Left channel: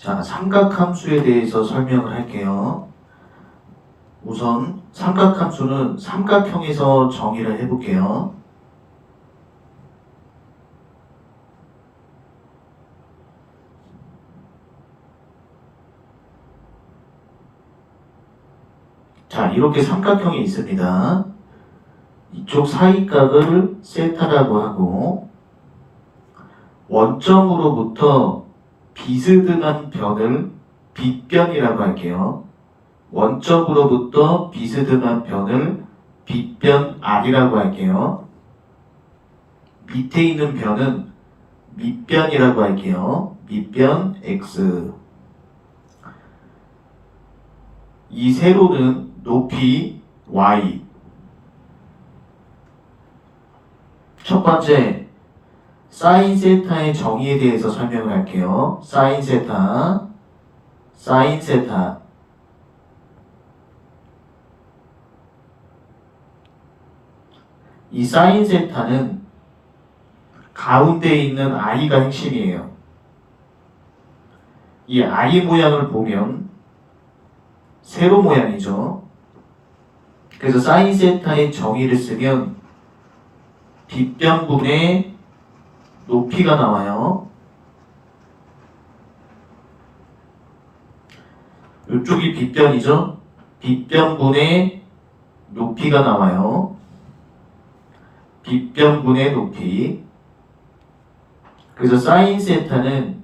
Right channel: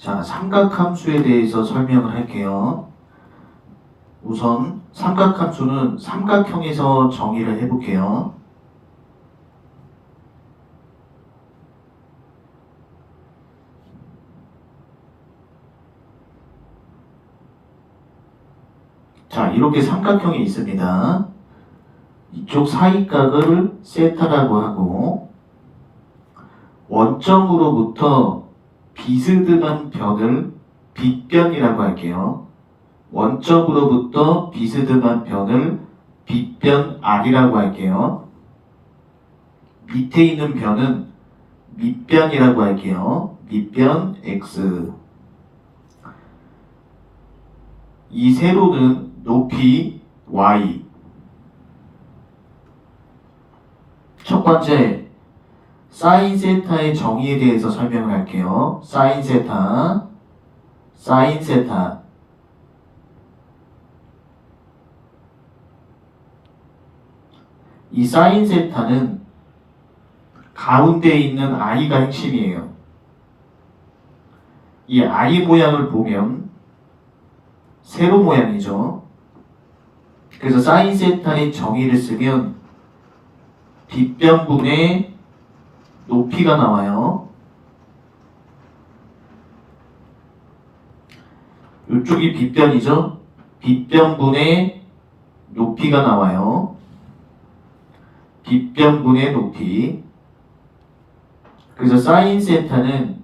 자, 삼각함수에 대해서 설명을 할게요. 우선 삼각함수는 삼각형에서 정의를 해볼게요. 자, 이렇게 삼각형이 있습니다. 이쪽 사이각을 세타라고 하고 원점으로부터 비스듬한 변을 빗변이라고 할게요. 원점으로부터 비스듬한 변을 빗변 R이라고 할게요. 밑에 있는 변은 밑변이라고 할게요. 밑변 X. 이 세로는 높이 Y. 첫 번째, 사인 세타의 정의에 대해서 설명을 할게요. 사인 세타, 사인 세타. 이 사인 세타는 가운데 있는 I가 핵심이에요. 이 I 모양을 보면 세로 모양이죠. 그래서 사인 세타의 정의를 쓰면 빗변분의 높이가 나와요. 이쪽이 빗변이죠. 빗변분의 높이가 나와요. 빗변분의 높이. 그래서 사인 세타는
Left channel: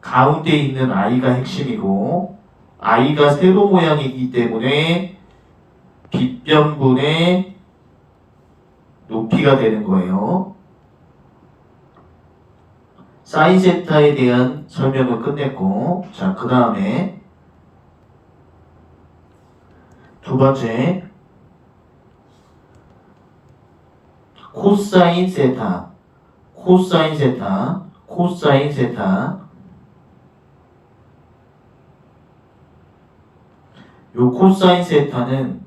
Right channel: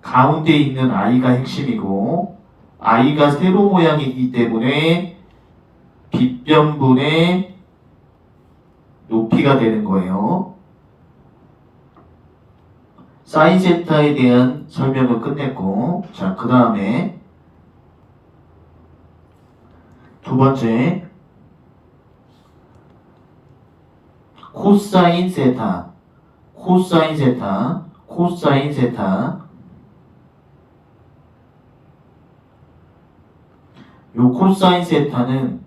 가운데 있는 I가 핵심이고 I가 세로 모양이기 때문에 빗변분의 높이가 되는 거예요. 사인 세타에 대한 설명을 끝냈고, 자, 그 다음에 두 번째, 코사인 세타, 코사인 세타, 코사인 세타. 요 코사인 세타는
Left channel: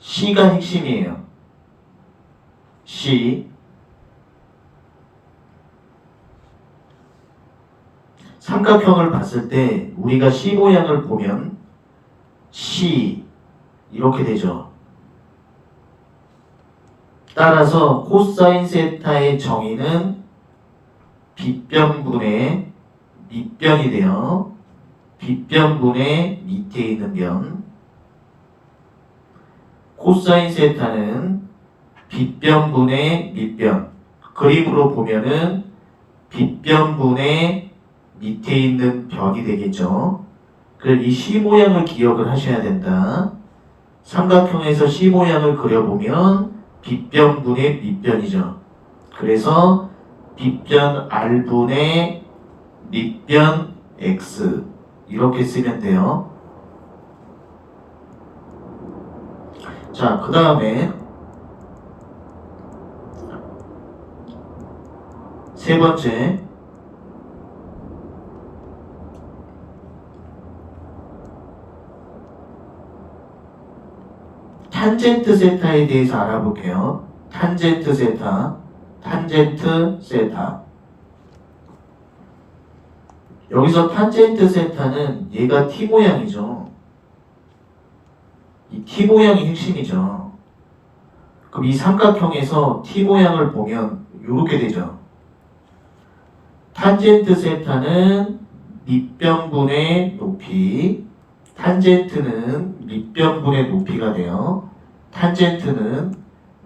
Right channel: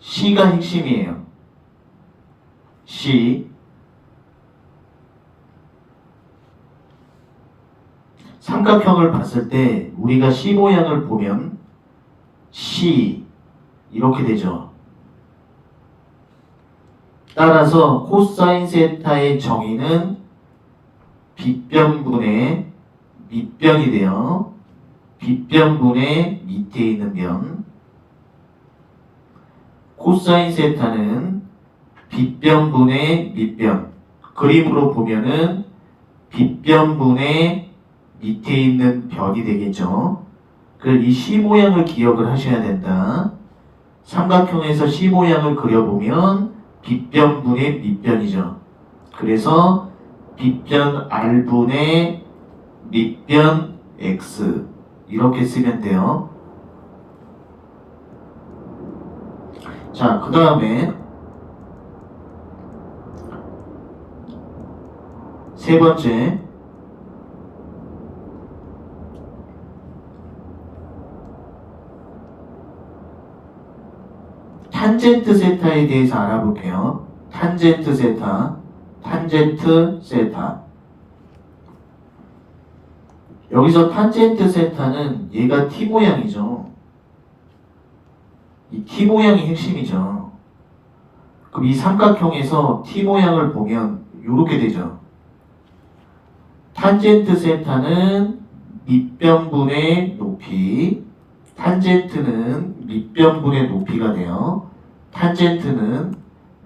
C가 핵심이에요. C. 삼각형을 봤을 때 우리가 C 모양을 보면 C 이렇게 되죠. 따라서 코사인 세타의 정의는 빗변분의 밑변이 돼요. 빗변분의 밑에 있는 변. 코사인 세타는 빗변분의 밑변. 그림으로 보면은 빗변분의 밑에 있는 변이 되겠죠. 그래서 이 C 모양을 기억을 하셔야 된다. 삼각형에서 C 모양을 그려보면 빗변분의 밑변이죠. 그래서 빗변 R분의 밑변 X 이렇게 쓰면 돼요. 자, 그 다음에 세 번째, 탄젠트 세타에 대해서 알아볼게요. 탄젠트 세타, 탄젠트 세타. 여기서 탄젠트 세타는 얘가 T 모양이죠. 이 T 모양이 핵심이죠. 그럼 이 삼각형에서 T 모양을 보면 이렇게 되죠. 탄젠트 세타는 밑변분의 높이, 탄젠트는 밑변분의 높이가 돼요. 탄젠트는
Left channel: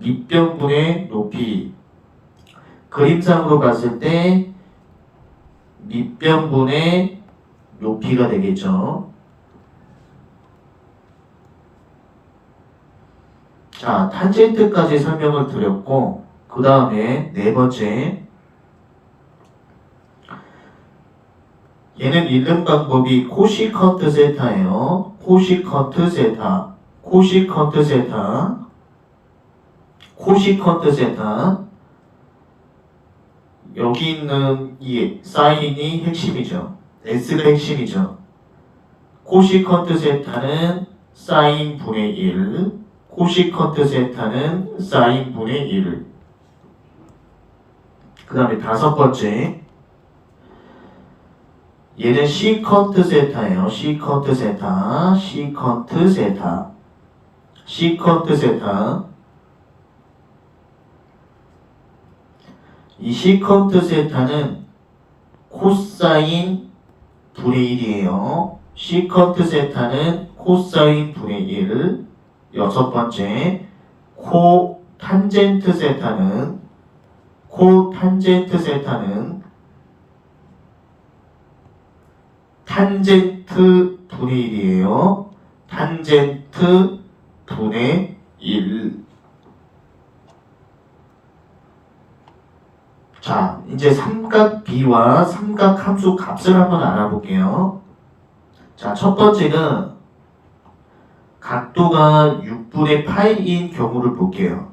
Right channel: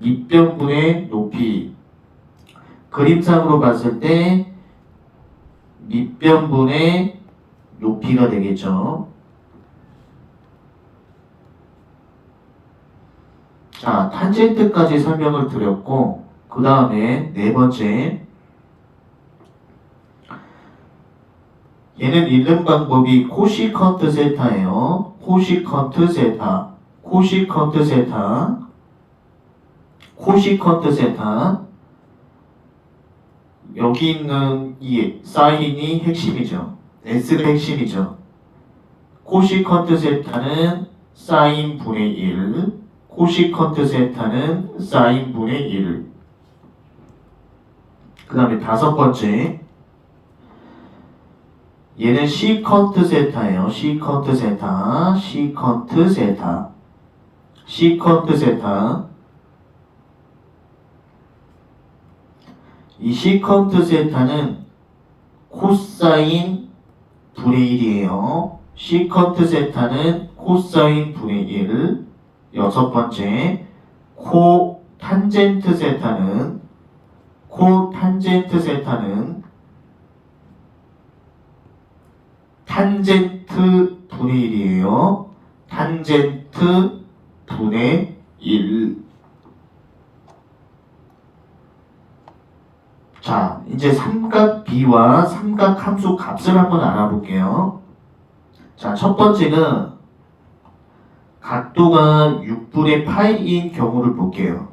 밑변분의 높이. 그림상으로 봤을 때 밑변분의 높이가 되겠죠. 자, 탄젠트까지 설명을 드렸고, 그 다음에 네 번째, 얘는 읽는 방법이 코시컨트 세타예요. 코시컨트 세타, 코시컨트 세타, 코시컨트 세타. 여기 있는 이 사인이 핵심이죠. S가 핵심이죠. 코시컨트 세타는 사인 분의 1, 코시컨트 세타는 사인 분의 1. 그 다음에 다섯 번째, 얘는 시컨트 세타예요. 시컨트 세타, 시컨트 세타, 시컨트 세타. 이 시컨트 세타는 코사인 분의 1이에요. 시컨트 세타는 코사인 분의 1. 여섯 번째, 코탄젠트 세타는 탄젠트 분의 1이에요. 탄젠트 분의 1. 자, 이제 삼각 B와 삼각 함수 값을 한번 알아볼게요. 자, 첫 번째는 각도가 6분의 파이인 경우를 볼게요.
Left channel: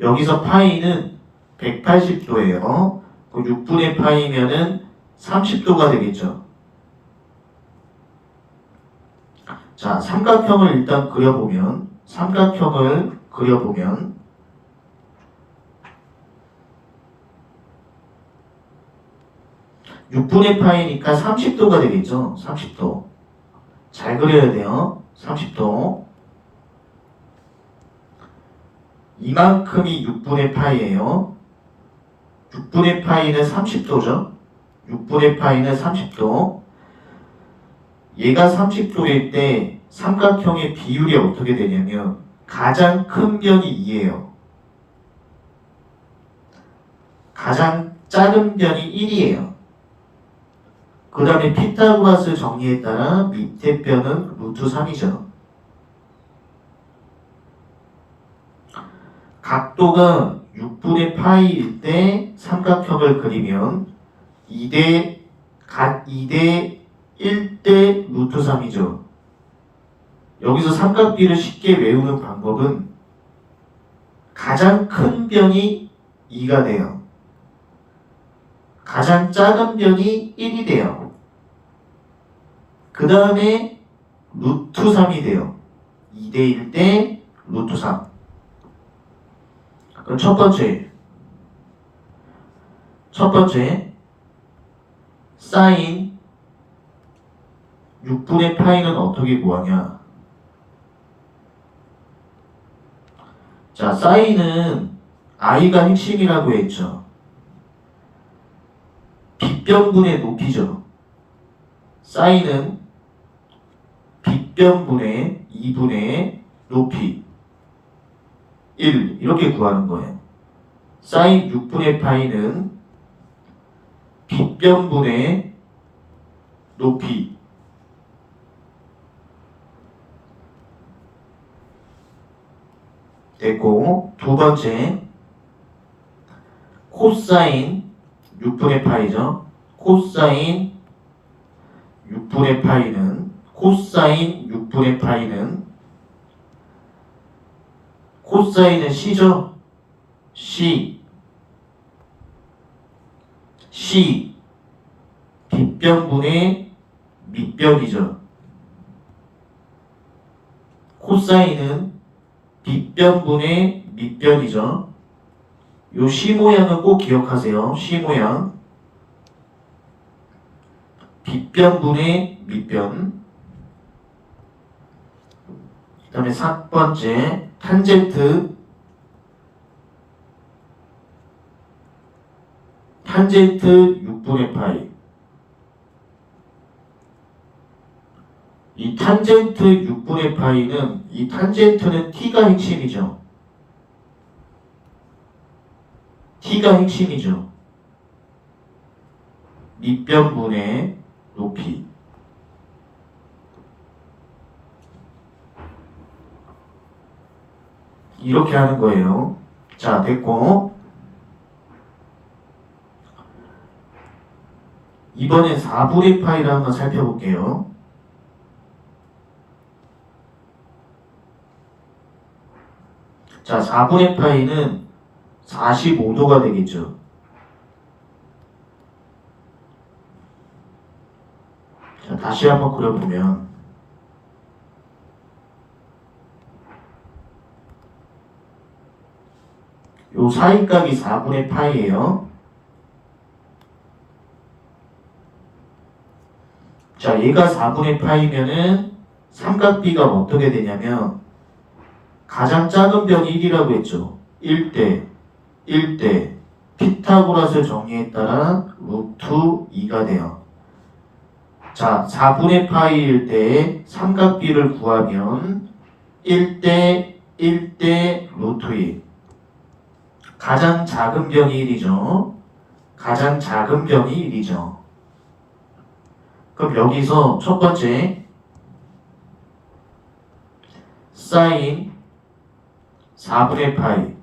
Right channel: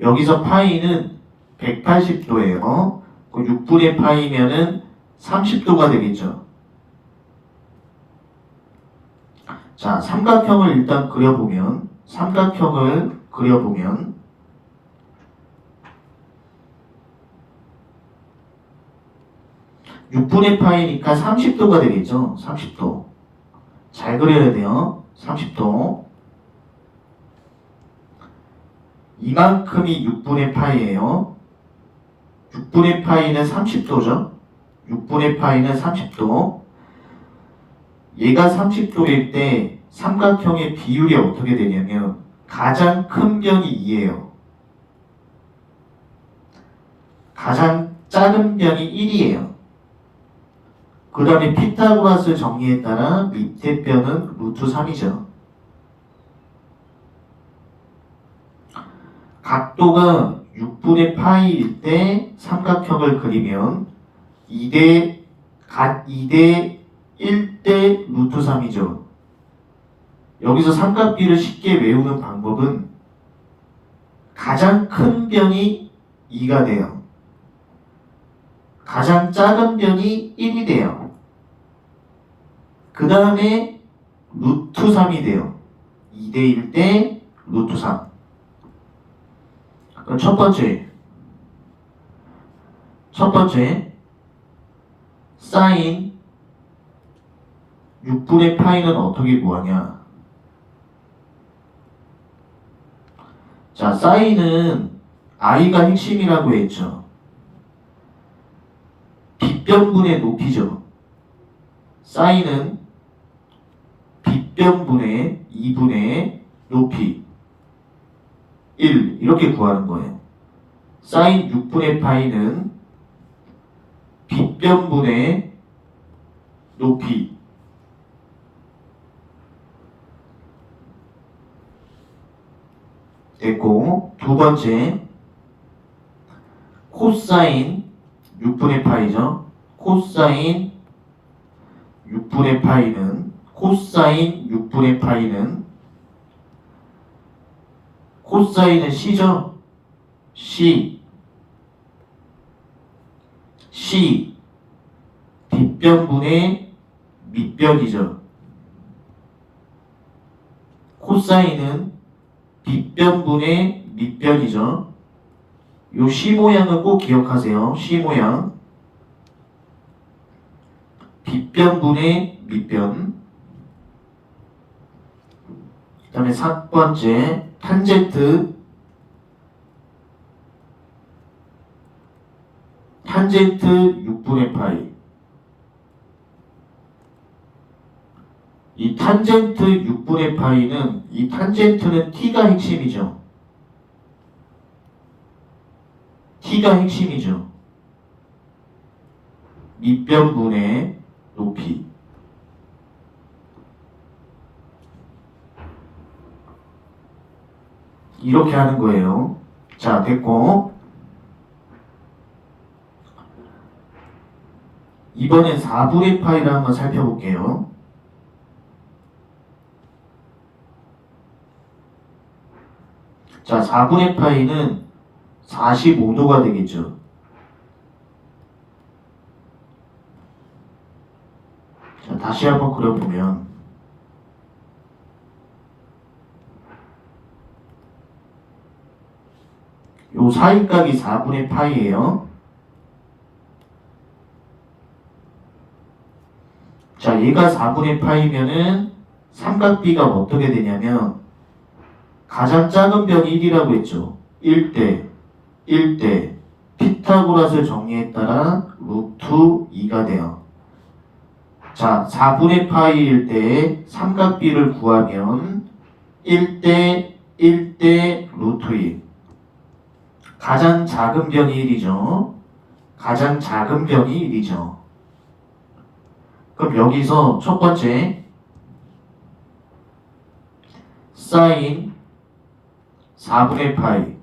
여기서 파이는 180도예요. 6분의 파이면은 30도가 되겠죠. 자, 삼각형을 일단 그려보면 6분의 파이니까 30도가 되겠죠. 30도. 잘 그려야 돼요. 30도. 이만큼이 6분의 파이예요. 6분의 파이는 30도죠. 6분의 파이는 30도. 얘가 30도일 때 삼각형의 비율이 어떻게 되냐면 가장 큰 변이 2예요. 가장 작은 변이 1이에요. 그 다음에 피타고라스 정리에 따라 밑에 변은 루트 3이죠. 각도가 6분의 파이일 때 삼각형을 그리면 2대 1대 루트 3이죠. 여기서 삼각비를 쉽게 외우는 방법은 가장 큰 변이 2가 돼요. 가장 작은 변이 1이 돼요. 그 다음에 루트 3이 돼요. 2대 1대 루트 3. 그럼 첫 번째 사인 6분의 파이는 어떻게 구하냐? 자, 사인은 i가 핵심이라고 했죠. 빗변분의 높이죠. 사인은 빗변분의 2분의 높이 1 이렇게 구하는 거예요. 사인 6분의 파이는 빗변분의 높이 됐고, 두 번째 코사인 6분의 파이죠. 코사인 6분의 파이는 코사인은 C죠. C 빗변분의 밑변이죠. 코사인은 빗변분의 밑변이죠. 요 C 모양은 꼭 기억하세요. C 모양. 빗변분의 밑변. 그 다음에 4번째 탄젠트 6분의 파이. 이 탄젠트 6분의 파이는 이 탄젠트는 t가 핵심이죠. 밑변분의 높이. 이렇게 하는 거예요. 자, 됐고. 이번엔 4분의 파이를 한번 살펴볼게요. 자, 4분의 파이는 45도가 되겠죠. 자, 다시 한번 그려보면 요 사이각이 4분의 파이예요. 자, 얘가 4분의 파이면은 삼각비가 어떻게 되냐면 가장 작은 병이 1이라고 했죠. 1대 1대 피타고라스 정리에 따라 루트 2가 돼요. 자, 4분의 파이일 때 삼각비를 구하면 1대 1대 루트 2. 가장 작은 병이 1이죠. 가장 작은 병이 1이죠. 그럼 여기서 첫 번째 사인 4분의 파이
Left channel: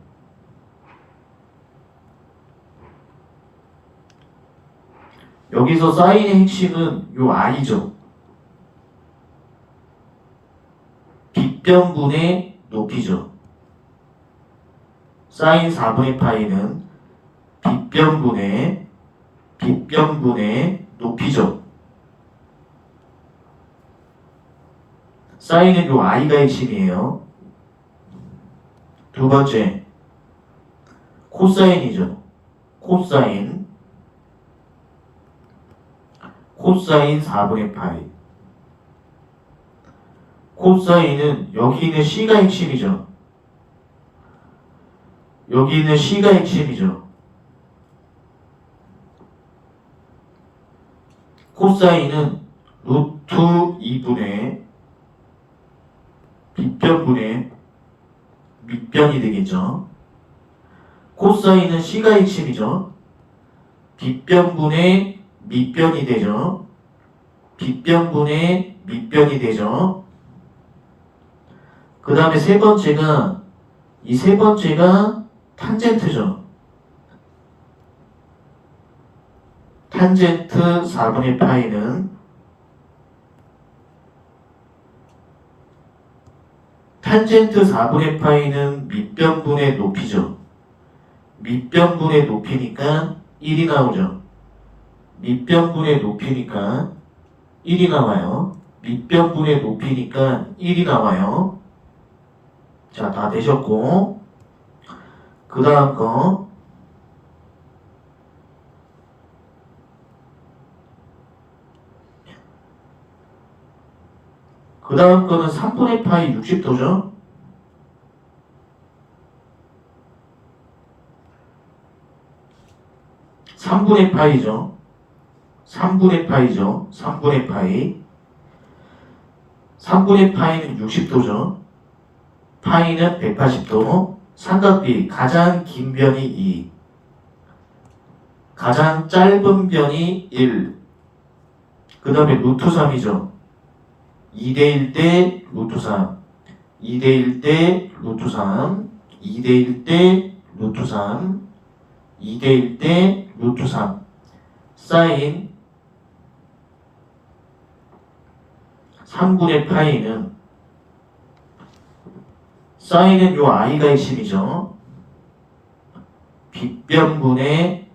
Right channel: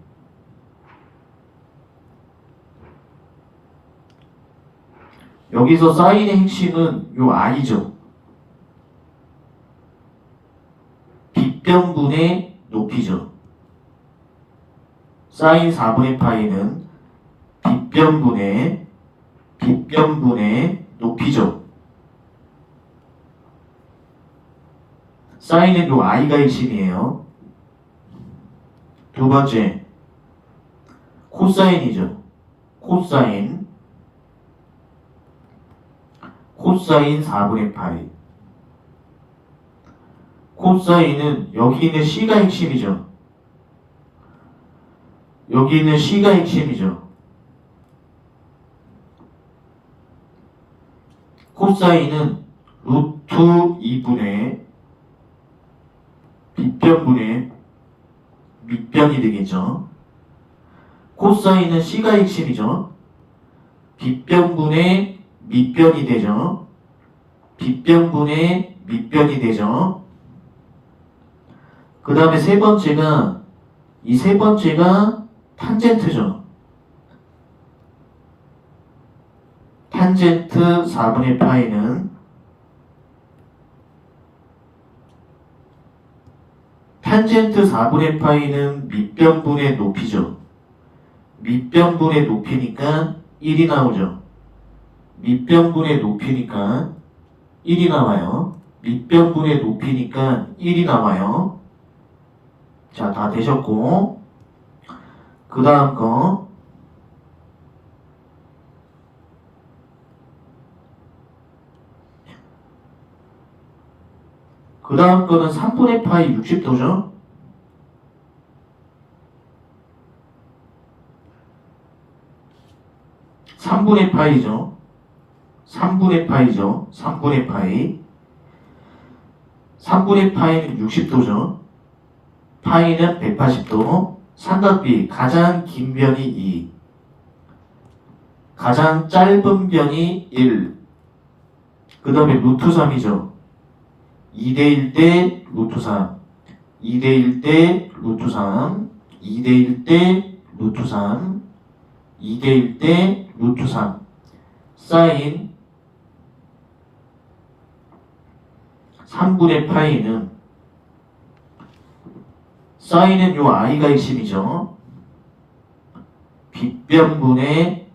여기서 사인의 핵심은 요 i죠. 빗변분의 높이죠. 사인 4분의 파이는 빗변분의 높이죠. 사인은 요 i가 핵심이에요. 두 번째 코사인이죠. 코사인 4분의 파이. 코사인은 여기 있는 C가 핵심이죠. 여기 있는 C가 핵심이죠. 코사인은 루트 2분의 빗변분의 밑변이 되겠죠. 코사인은 C가 핵심이죠. 빗변분의 밑변이 되죠. 빗변분의 밑변이 되죠. 그 다음에 세 번째가 이 세 번째가 탄젠트죠. 탄젠트 4분의 파이는 밑변분의 높이죠. 밑변분의 높이니까 1이 나오죠. 밑변분의 높이니까 1이 나와요. 밑변분의 높이니까 1이 나와요. 자, 다 되셨고 그 다음 거 그 다음 거는 3분의 파이 60도죠. (3분의 파이죠) 3분의 파이죠. 3분의 파이 3분의 파이는 60도죠. 파이는 180도. 삼각비 가장 긴 변이 2, 가장 짧은 변이 1. 그 다음에 루트 3이죠. 2대1 대 루트 3, 2대1 대 루트 3, 2대1 대 루트 3, 2대1 대 루트 3. 사인 3분의 파이는 사인은 요 i가 핵심이죠. 빗변분의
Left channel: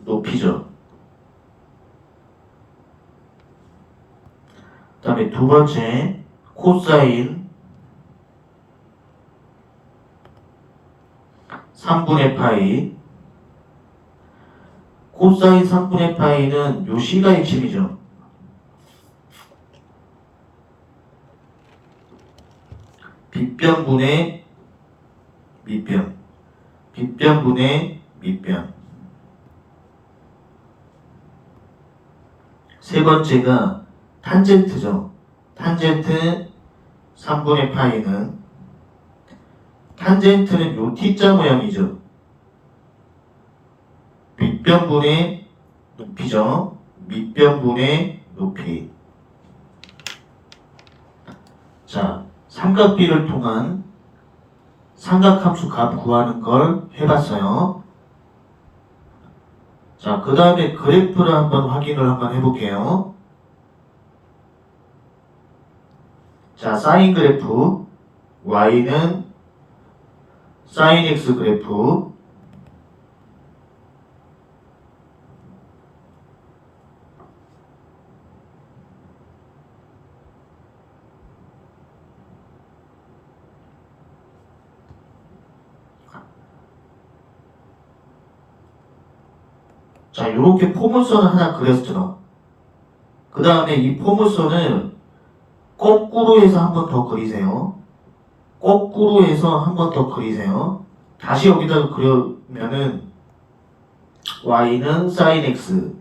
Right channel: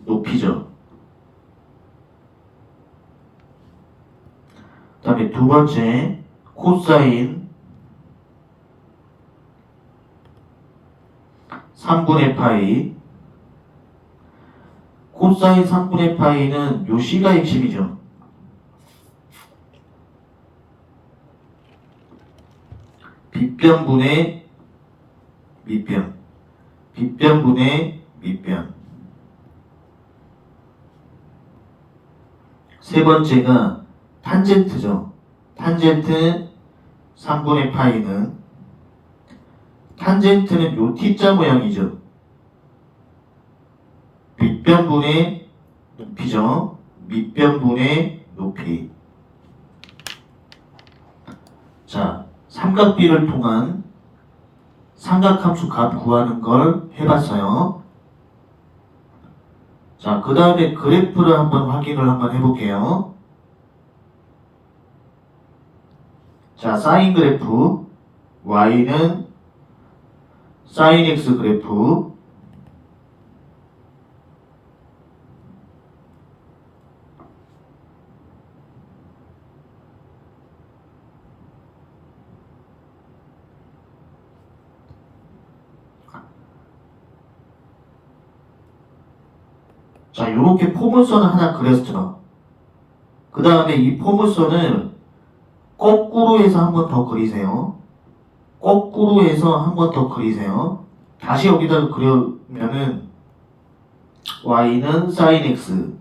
높이죠. 그 다음에 두 번째 코사인 3분의 파이. 코사인 3분의 파이는 요 C가 핵심이죠. 빗변분의 밑변. 빗변분의 밑변. 세 번째가 탄젠트죠. 탄젠트 3분의 파이는 탄젠트는 요 T자 모양이죠. 밑변분의 높이죠. 밑변분의 높이. 자, 삼각비를 통한 삼각함수 값 구하는 걸 해봤어요. 자, 그 다음에 그래프를 한번 확인을 한번 해볼게요. 자, 사인 그래프 y는 사인 x 그래프 자, 요렇게 포물선을 하나 그렸죠. 그 다음에 이 포물선을 거꾸로 해서 한 번 더 그리세요. 거꾸로 해서 한 번 더 그리세요. 다시 여기다 그려면은 y는 sin x,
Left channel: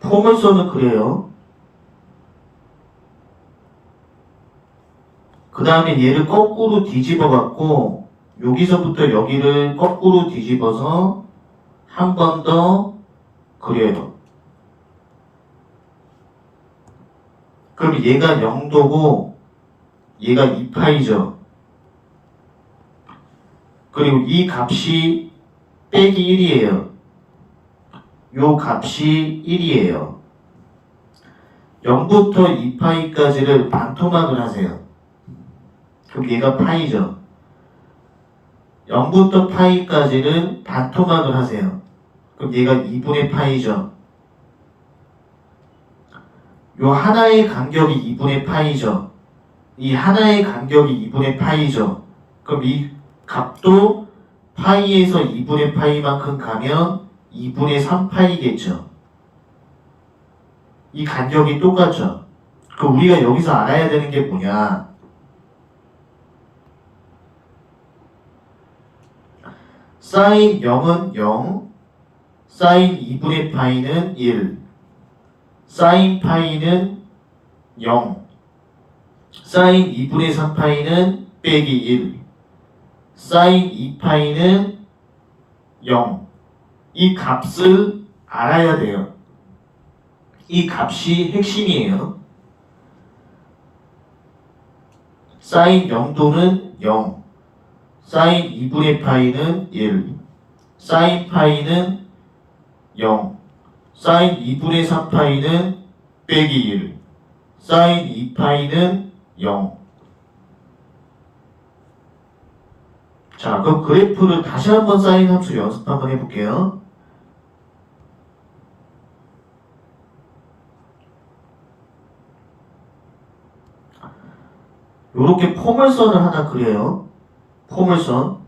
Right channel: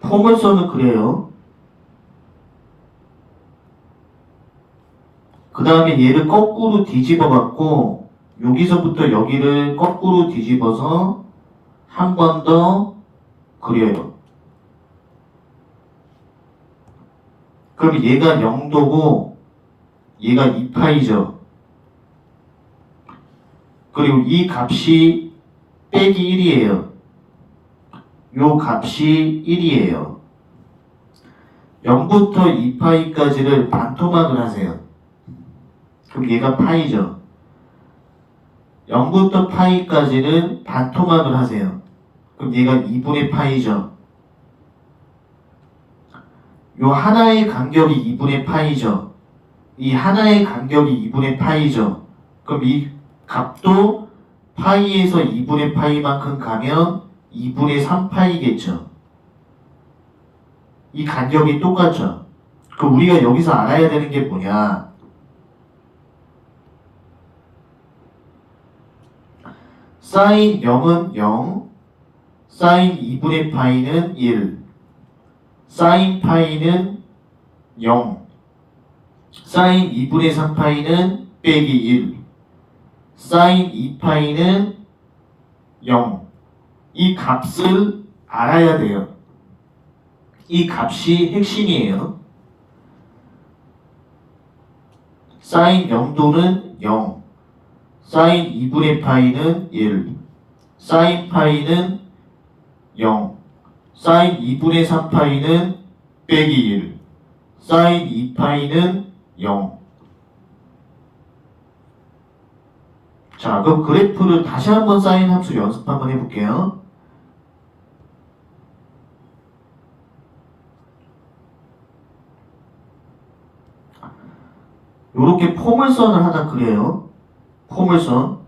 포물선을 그려요. 그 다음에 얘를 거꾸로 뒤집어 갖고 여기서부터 여기를 거꾸로 뒤집어서 한 번 더 그려요. 그럼 얘가 0도고 얘가 2파이죠. 그리고 이 값이 빼기 1이에요. 요 값이 1이에요. 0부터 2파이까지를 반토막을 하세요. 그럼 얘가 파이죠. 0부터 파이까지는 반토막을 하세요. 그럼 얘가 2분의 파이죠. 요 하나의 간격이 2분의 파이죠. 이 하나의 간격이 2분의 파이죠. 그럼 이 값도 파이에서 2분의 파이만큼 가면 2분의 3파이겠죠. 이 간격이 똑같죠. 그럼 우리가 여기서 알아야 되는 게 뭐냐? 사인 0은 0, 사인 2분의 파이는 1, 사인 파이는 0, 사인 2분의 3파이는 빼기 1, 사인 2파이는 0. 이 값을 알아야 돼요. 이 값이 핵심이에요. 사인 0도는 0, 사인 2분의 파이는 1, 사인 파이는 0, 사인 2분의 3파이는 빼기 1, 사인 2파이는 0. 자, 그럼 그래프를 다시 한번 사인 함수 연습 한번 해볼게요. 요렇게 포물선을 하나 그려요. 포물선.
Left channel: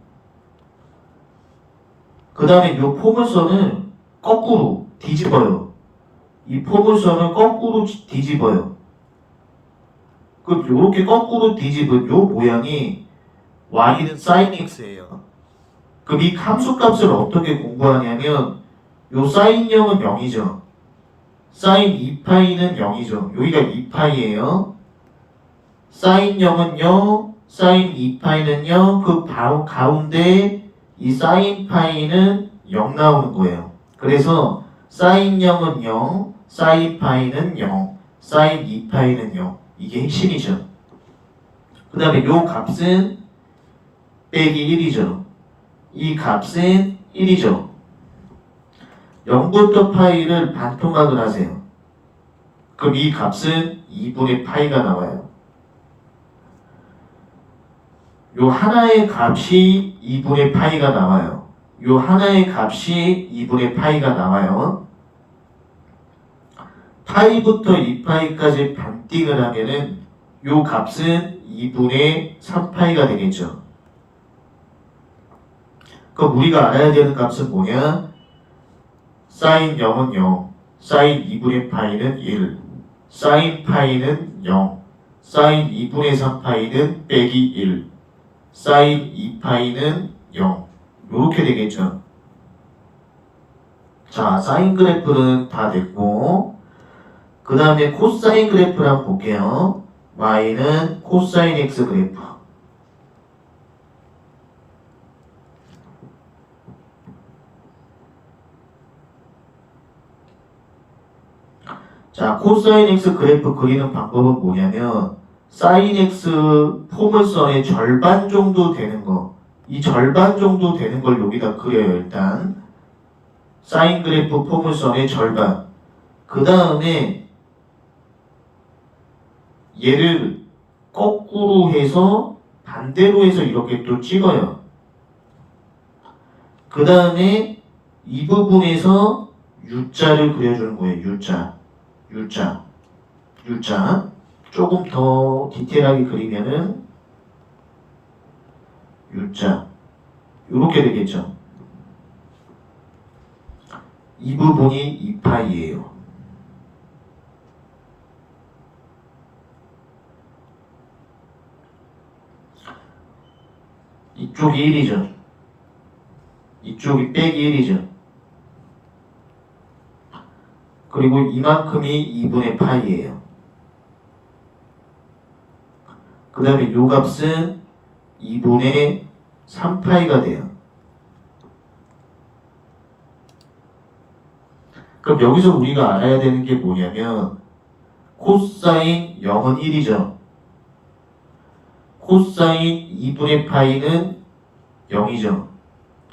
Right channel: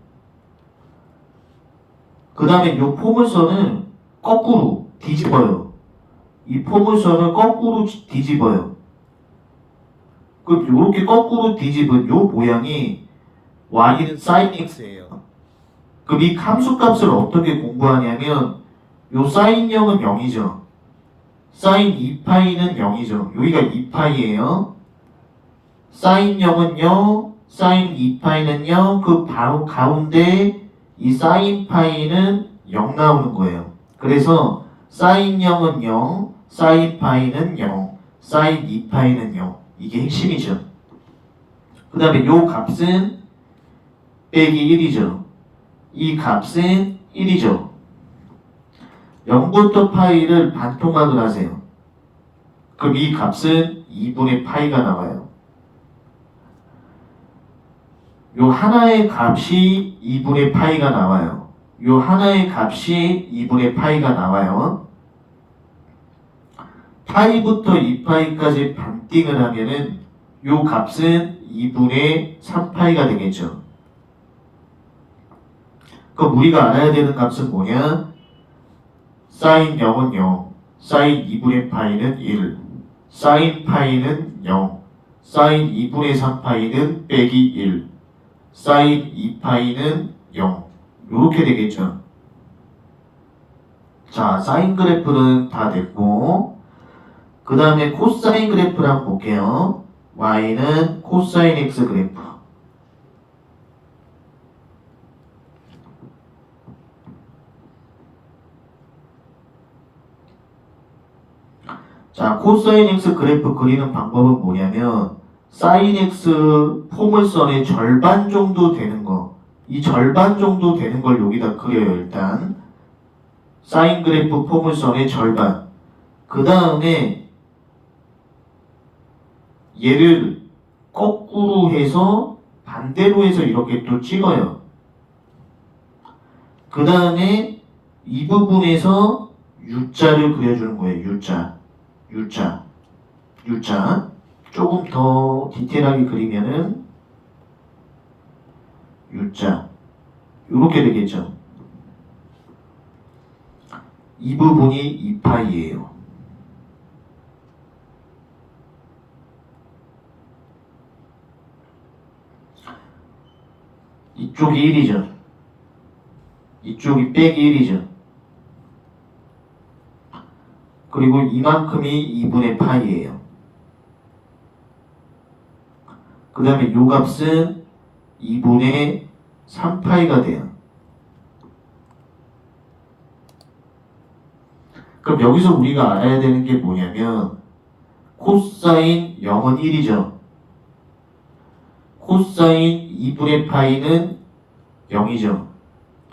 그 다음에 요 포물선을 거꾸로 뒤집어요. 이 포물선을 거꾸로 뒤집어요. 그럼 요렇게 거꾸로 뒤집은 요 모양이 y는 sin x예요. 그럼 이 함수값을 어떻게 공부하냐면 요 sin 0은 0이죠. sin 2파이는 0이죠. 여기가 2파이예요. sin 0은 0, sin 2파이는 0, 그 바로 가운데 이 sin 파이는 0 나오는 거예요. 그래서 sin 0은 0, sin 파이는 0, sin 2파이는 0. 이게 핵심이죠. 그 다음에 요 값은 빼기 1이죠. 이 값은 1이죠. 0부터 파이를 반토막을 하세요. 그럼 이 값은 2분의 파이가 나와요. 요 하나의 값이 2분의 파이가 나와요. 요 하나의 값이 2분의 파이가 나와요. 파이부터 2파이까지 반띵을 하면은 요 값은 2분의 3파이가 되겠죠. 그럼 우리가 알아야 되는 값은 뭐냐? sin 0은 0, sin 2분의 파이는 1, sin 파이는 0, sin 2분의 3파이는 빼기 1, sin 2파이는 0. 요렇게 되겠죠. 자, 사인 그래프는 다 됐고, 그 다음에 코사인 그래프를 한번 볼게요. y는 코사인 x 그래프. 자, 코사인 x 그래프 그리는 방법은 뭐냐면 사인 x 포물선의 절반 정도 되는 거, 이 절반 정도 되는 걸 여기다 그려요. 일단 사인 그래프 포물선의 절반. 그 다음에 얘를 거꾸로 해서 반대로 해서 이렇게 또 찍어요. 그 다음에 이 부분에서 U자를 그려주는 거예요. U자. 조금 더 디테일하게 그리면은 U자 이렇게 되겠죠. 이 부분이 2파이예요. 이쪽이 1이죠. 이쪽이 빼기 1이죠. 그리고 이만큼이 2분의 파이예요. 그 다음에 요 값은 2분의 3파이가 돼요. 그럼 여기서 우리가 알아야 되는 게 뭐냐면 코사인 0은 1이죠. 코사인 2분의 파이는 0이죠.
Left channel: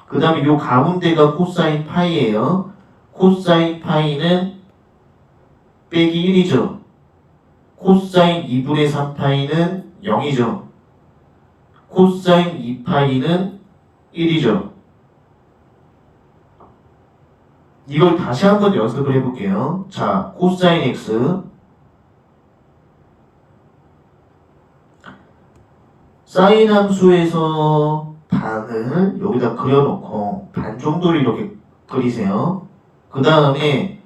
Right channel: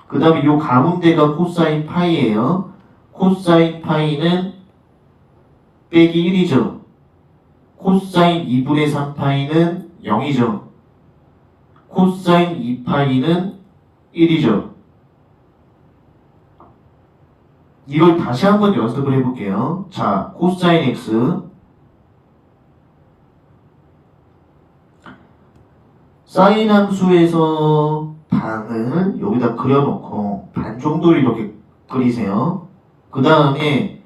그 다음에 요 가운데가 코사인 파이예요. 코사인 파이는 빼기 1이죠. 코사인 2분의 3파이는 0이죠. 코사인 2파이는 1이죠. 이걸 다시 한번 연습을 해볼게요. 자, 코사인 x 사인 함수에서 반을 여기다 그려놓고 반 정도를 이렇게 그리세요. 그 다음에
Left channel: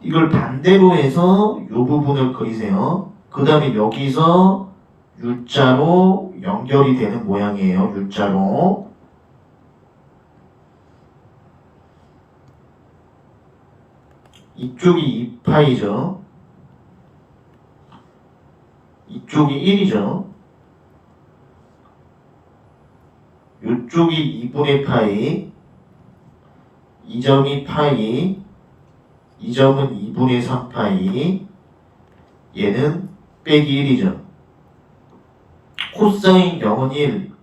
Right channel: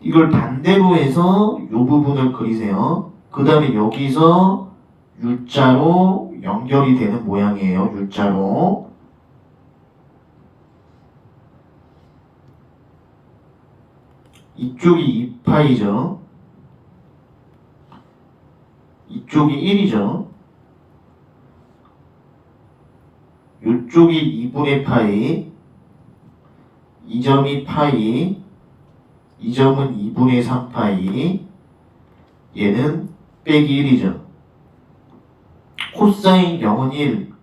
이걸 반대로 해서 이 부분을 그리세요. 그 다음에 여기서 U자로 연결이 되는 모양이에요. U자로. 이쪽이 2파이죠. 이쪽이 1이죠. 이쪽이 2분의 파이. 이 점이 파이. 이 점은 2분의 3파이. 얘는 빼기 1이죠. 코사인 0은 1.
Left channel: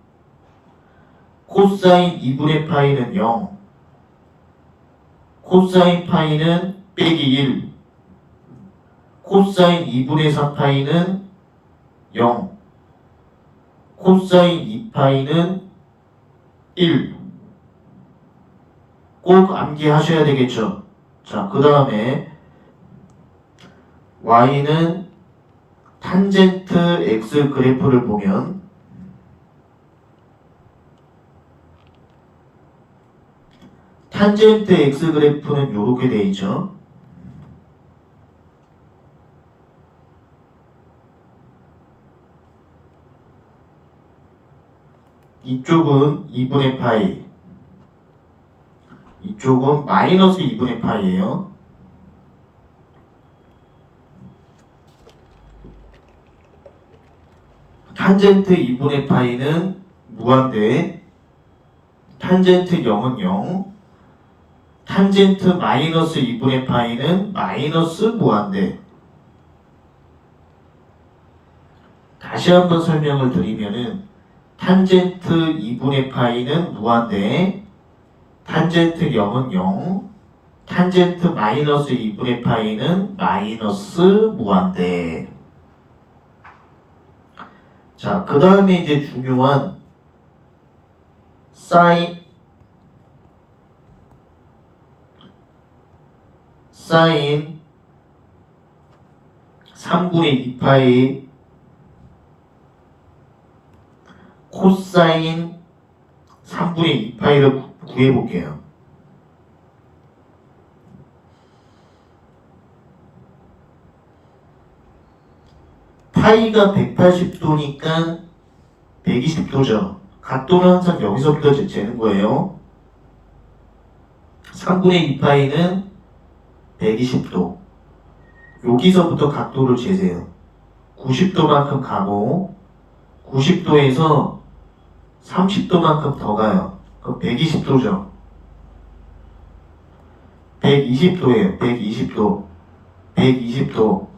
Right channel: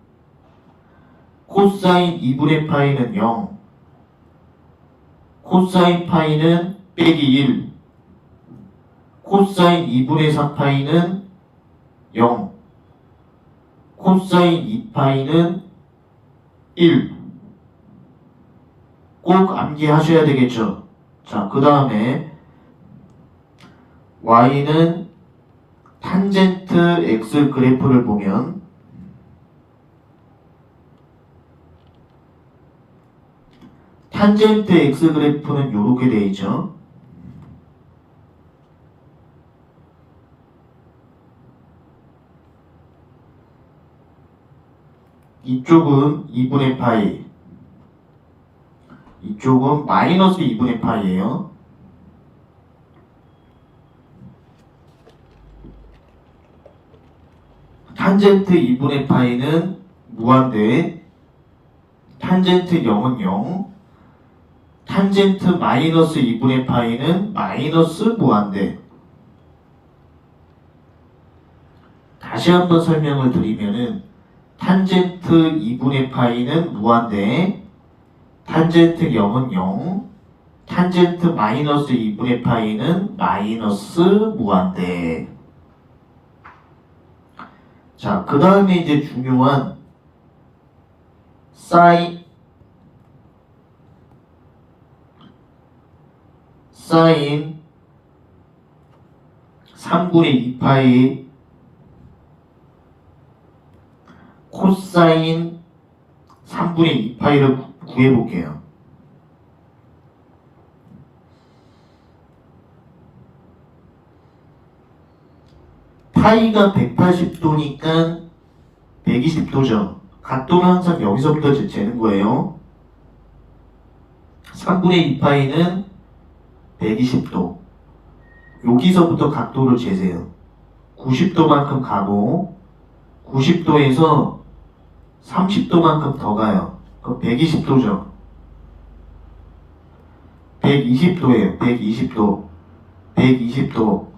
코사인 2분의 파이는 0. 코사인 파이는 빼기 1. 코사인 2분의 3파이는 0. 코사인 2파이는 1. 꼭 암기하셔야 되겠죠. 자, 그 다음에 y는 탄젠트 x 그래프를 보면 탄젠트 x 그래프는 이렇게 되어 있죠. 이쪽은 2분의 파이, 이쪽은 마이너스 2분의 파이예요. 탄젠트 2분의 파이는 무한대, 탄젠트 0은 0, 탄젠트 마이너스 2분의 파이는 마이너스 무한대. 다시 한번 설명을 드리면은 탄젠트 2분의 파이는 무한대, 탄젠트 0은 0, 탄젠트 마이너스 2분의 파이는 마이너스 무한대. 자, 그 다음에 이제 중요한 사인 3분의 2파이 코사인 3분의 2파이를 구해볼게요. 파이가 180도니까 120도죠. 각도는 항상 여기서부터 재는 거예요. 3분의 2파이는 120도. 여기서부터 각도를 재세요. 90도만큼 가고 90도에서 30도만큼 더 가요. 그럼 120도죠. 120도예요. 120도. 120도.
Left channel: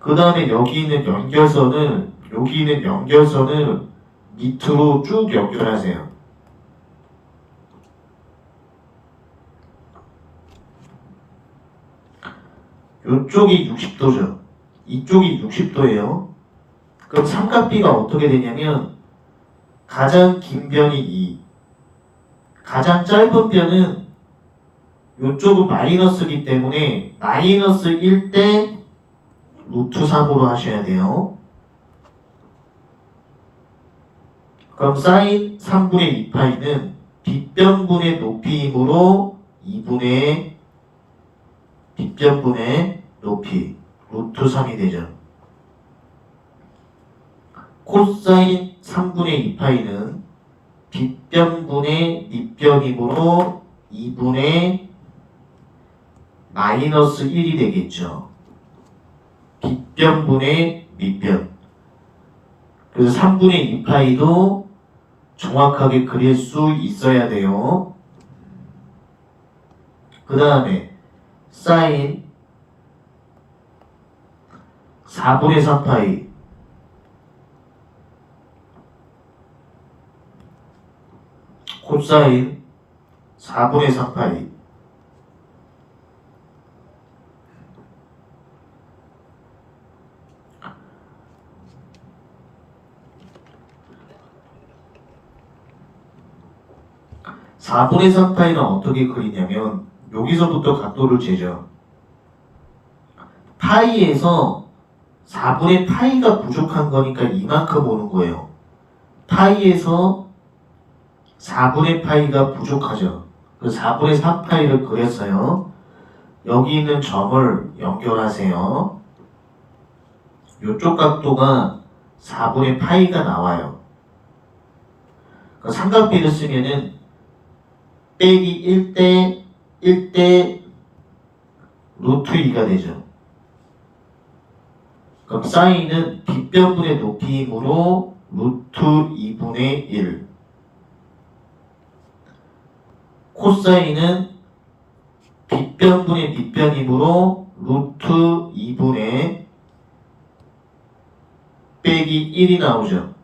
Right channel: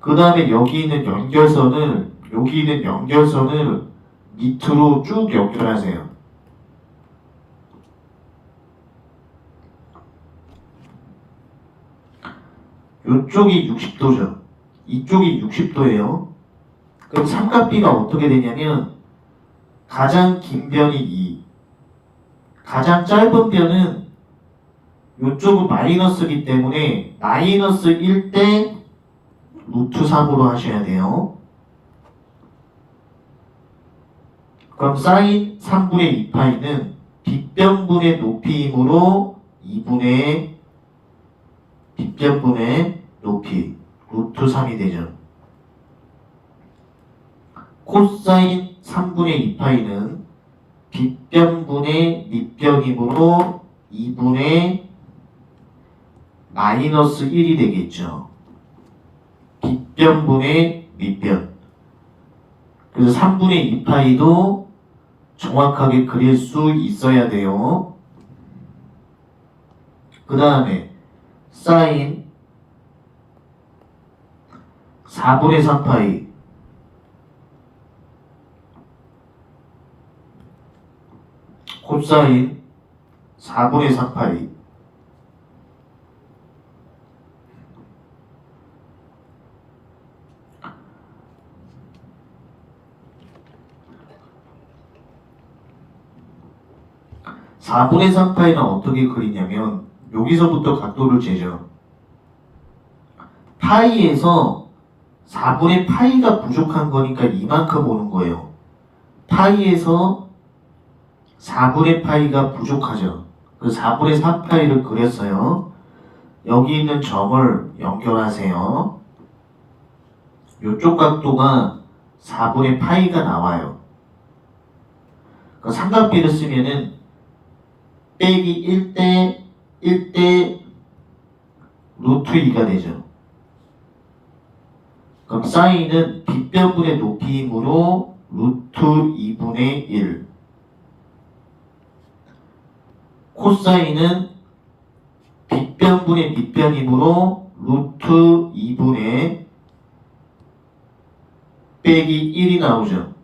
그 다음에 여기 있는 연결선을 밑으로 쭉 연결하세요. 이쪽이 60도죠. 이쪽이 60도예요. 그럼 삼각비가 어떻게 되냐면 가장 긴 변이 2, 가장 짧은 변은 이쪽은 마이너스이기 때문에 마이너스 1대 루트 3으로 하셔야 돼요. 그럼 사인 3분의 2파이는 빗변분의 높이이므로 2분의 빗변분의 높이 루트 3이 되죠. 코사인 3분의 2파이는 빗변분의 밑변이므로 2분의 마이너스 1이 되겠죠. 빗변분의 밑변. 그래서 3분의 2파이도 정확하게 그릴 수 있어야 돼요. 그 다음에 사인 4분의 3파이 코사인 4분의 3파이 4분의 3파이는 어떻게 그리냐면 여기서부터 각도를 재죠. 파이에서 4분의 파이가 부족한 거니까 이만큼 오는 거예요. 파이에서 4분의 파이가 부족하죠. 그래서 4분의 3파이를 그렸어요. 여기 있는 점을 연결하세요. 이쪽 각도가 4분의 파이가 나와요. 그러니까 삼각비를 쓰면은 빼기 1대 1대 루트 2가 되죠. 그럼 사인은 빗변분의 높이이므로 루트 2분의 1. 코사인은 빗변분의 밑변이므로 루트 2분의 빼기 1이 나오죠.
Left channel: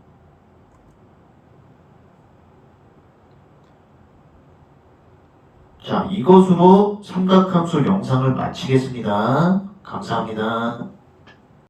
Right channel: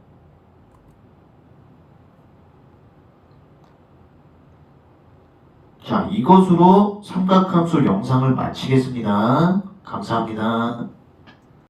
자, 이것으로 삼각함수 영상을 마치겠습니다. 감사합니다.